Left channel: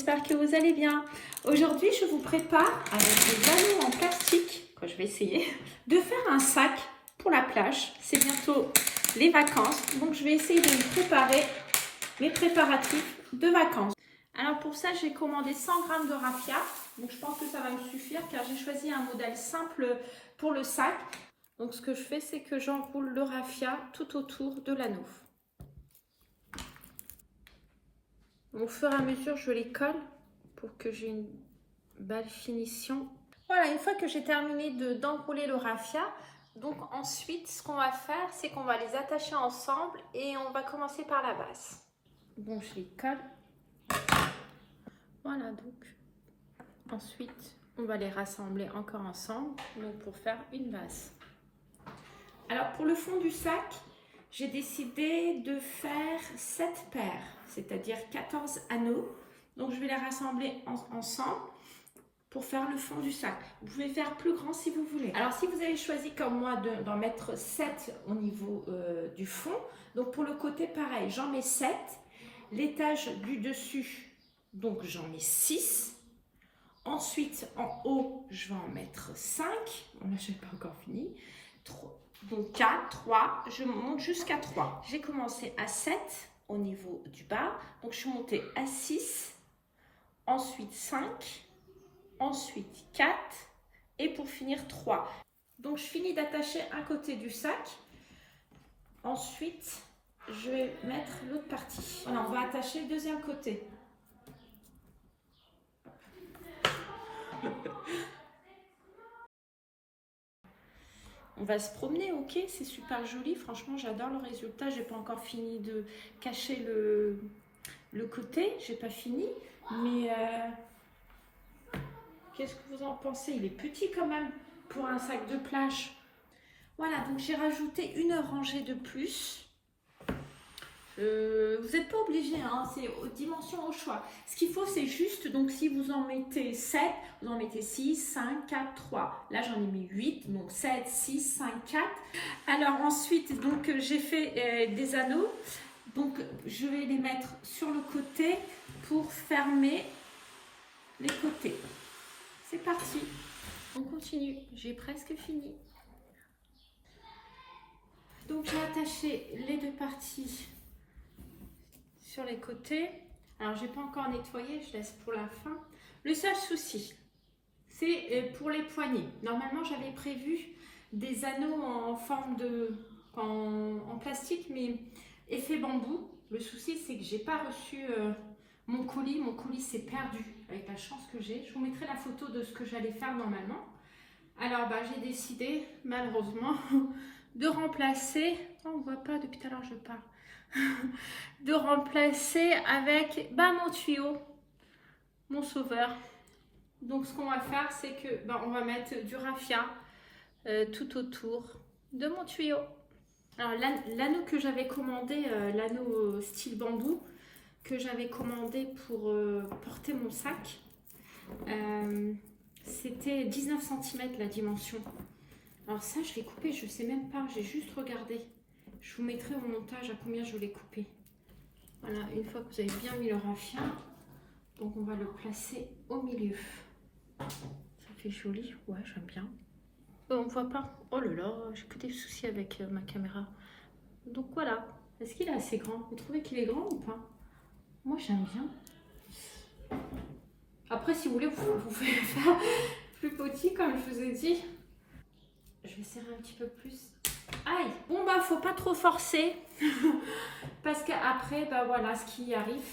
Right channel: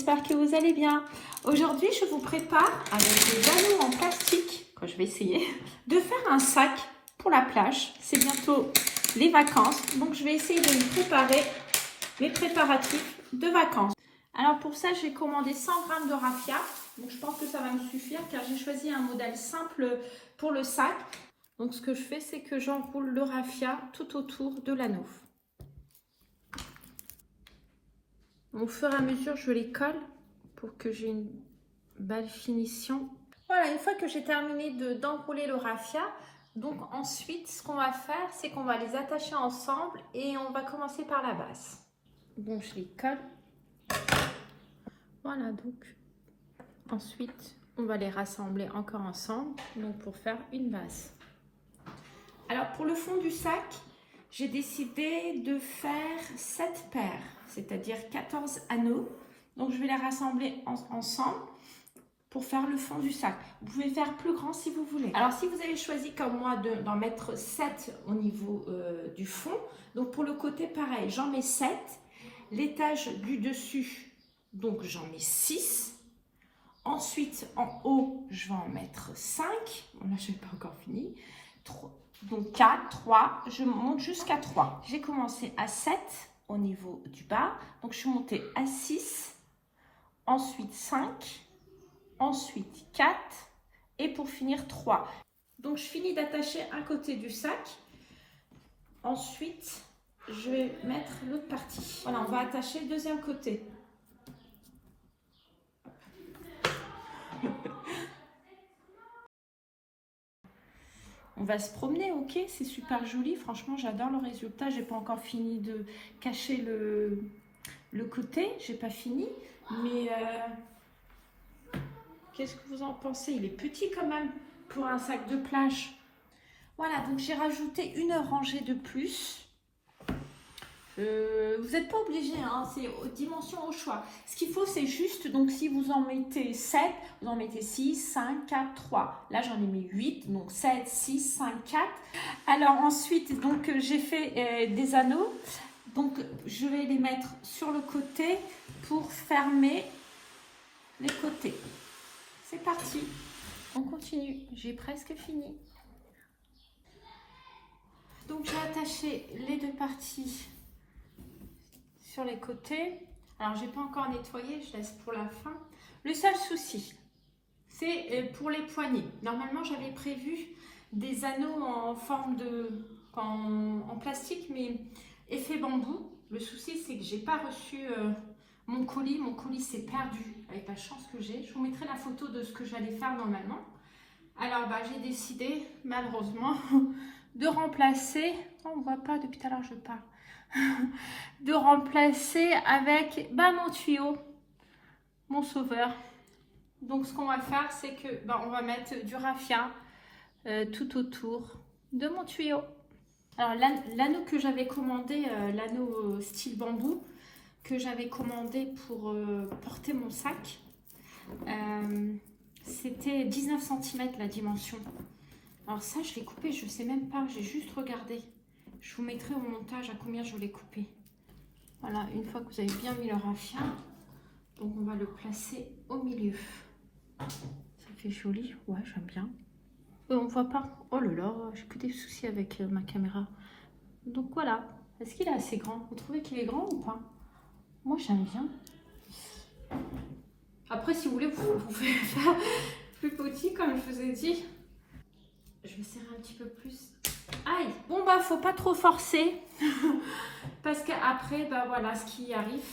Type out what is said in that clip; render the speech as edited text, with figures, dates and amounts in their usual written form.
j'espère que vous allez bien. Aujourd'hui, je vous prépare avec des anneaux en plastique, que je vais essayer, de faire un sac pour la plage. C'est bientôt les vacances, donc je vais essayer de me préparer mes préparatifs de vacances. Alors pour ça, j'ai commandé 100 g de raffia, donc je pense que ça va me suffire car j'ai choisi un modèle simple pour le sac. Donc ce que je fais, c'est que j'enroule le raffia tout autour de l'anneau. Au fur et à mesure, je les colle pour que j'ai une belle finition. Voilà, une fois que j'ai terminé d'enrouler le raffia, donc ensuite, ce qu'on va faire, c'est qu'on va les attacher ensemble et on va commencer par la base. Bon, je les colle. Voilà, donc ensuite, on va les rassembler encore ensemble donc pour faire une base. Alors, pour le fond du sac, j'ai décidé de faire 7 paires, c'est-à-dire 14 anneaux. Donc, je vais les rassembler ensemble pour faire le fond du sac. Vous pouvez faire plus grand si vous voulez. Alors, si vous avez choisi comme moi d'en mettre 7 au niveau du fond, donc pour le côté, pareil, j'en mets 7. L'étage du dessus, donc j'en mets 6. Ensuite, en haut, je vais en mettre 5. Bon, là, je n'ai pas encore fini. 3. Donc 4, 3, je monte jusqu'à 3. J'ai commencé à 7 au niveau du bas. Donc je suis montée à 6, ensuite 5, ensuite 4 et pour finir 3. Donc je finis d'attacher un côté du sac. Ensuite, je vais mettre l'autre partie. Voilà, on va attacher le deuxième côté. On va se promener, ok, c'est super joli. Franchement, j'adore le résultat. J'ai pas encore fini de cacher le côté. J'ai pas fini. Mais qu'est-ce que vous en pensez? Il est petit quand même pour un sac de plage. Voilà, donc j'ai rajouté une rangée de plus. Vous n'êtes pas obligé, hein, c'est dimension au choix. Ce qu'il faut, c'est juste, donc si vous en mettez 7, vous en mettez 6, 5, 4, 3. Là, j'en ai mis 8, donc 7, 6, 5, 4. Alors ensuite, donc j'ai fait des anneaux. Donc, je vais les mettre sur le côté pour fermer les côtés. C'est parti. On continue. J'ai presque fini. Donc, j'ai attaché les deux parties sur les côtés. Alors, j'ai pas encore nettoyé, je laisse pour la fin. Le seul souci, c'est pour les poignées. Normalement, j'avais prévu des anneaux en forme en plastique, mais effet bambou. Le souci, c'est que j'ai pas reçu mon colis. Mon colis s'est perdu avec la chance que j'ai. Je vous mettrai la photo de ce que j'allais faire normalement. Alors, j'ai décidé, malheureusement, de remplacer. Oh, on voit pas depuis tout à l'heure, je parle. De remplacer avec mon tuyau, mon sauveur. Donc ce qu'on va faire, c'est que on va mettre du raffia tout autour de mon tuyau. Alors l'anneau que j'avais commandé, l'anneau style bambou que j'avais commandé pour porter mon sac, c'était 19 cm la dimension. Alors ça, je l'ai coupé, je sais même pas, j'ai juste regardé. Je vous mettrai au montage à combien je l'ai coupé. Voilà, une fois que vous avez bien mis le raffia, donc on va le placer au milieu. Ça fait joli, ouais, j'aime bien. On voit pas. Oh là là, j'ai que des soucis avec ma caméra. Donc voilà, est-ce qu'il est assez grand? Vous trouvez qu'il est grand ou pas? Moi j'aime bien. Après, si vous voulez, vous pouvez faire plus petit comme je vous ai dit. Je vais serrer un petit peu plus. Aïe, bon faut pas trop forcer parce qu'après voilà ce qui arrive.